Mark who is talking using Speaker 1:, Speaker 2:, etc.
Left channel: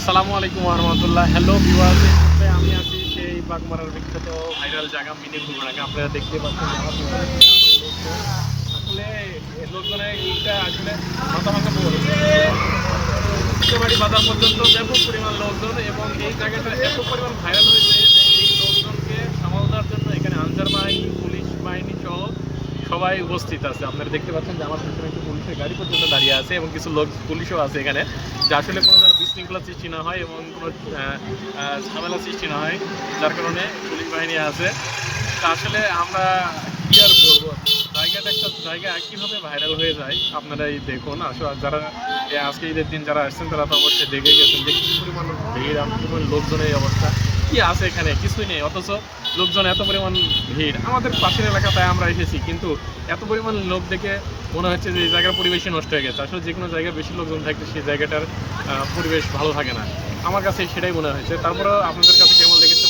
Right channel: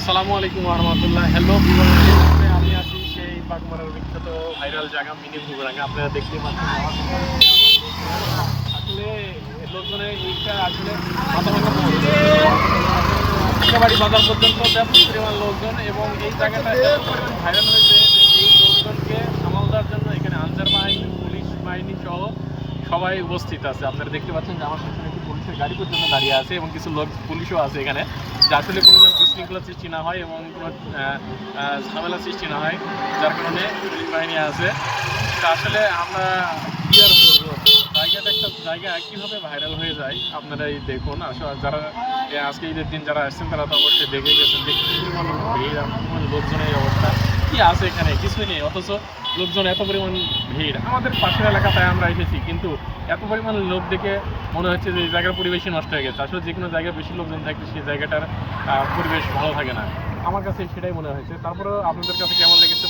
Speaker 1: আসসালামু আলাইকুম রহমতুল্লাহ হ্যালো মুহূর্তে আমি আছি সেই বাগমারার বিখ্যাত ভাইরাল জায়গা মিনি বুগড়াঙ্গা আপনারা দেখতে পাচ্ছেন আসলে লোকজনের এইটা আসলে বাড়ি বাজার পর্যন্ত ব্যাপক পরিমাণ লোকজন এবং এই জায়গাটা এত পরিমাণ ভাইরাল হয়েছে এই লোকজনকে সামাল দেওয়ার জন্য এখানে আনসার বাহিনী, পুলিশ বাহিনী সহ সবাই উপস্থিত আছে। আপনারা দেখতে পাচ্ছেন যে আমার গাড়ি পর্যন্ত দাঁড়িয়ে আছে এবং কিছু লোক, পুলিশও আছে এখানে। যে আসলে কোনো যেন বিশৃঙ্খলা সৃষ্টি না হয় এবং কোনো ঝামেলা সৃষ্টি না হয়, যার কারণে পুলিশ বাহিনী আছে। আসলে আমরা কি আর বলব? জায়গাটা একটা, জায়গা কীভাবে ভাইরাল হয়ে যায়। আপনারাই দেখুন আসলে যারা আজকে ঈদের দিন যারা আসছেন, তারা তো অবশ্যই দেখে গেছেন। যে পরিমাণ অবস্থা কি আছে এখানে? কিছুই নেই, অথচ লোকজন এত পরিমাণ ভিড়। আমাদের পাশের এলাকা তাই আমরা এসেছি, কিন্তু এত পরিমাণ লোক দেখে মনে হচ্ছে যে এই জায়গার পরিবেশই নষ্ট হয়ে গেছে। আসলে যে কোনো জায়গায় বেশি লোকজন থাকে সেই জায়গাটার পরিবেশ ভালো থাকে না। আমার কাছে সেটাই মনে হয়েছে। তারপরে আপনাদের কাছে কেমন লেগেছে?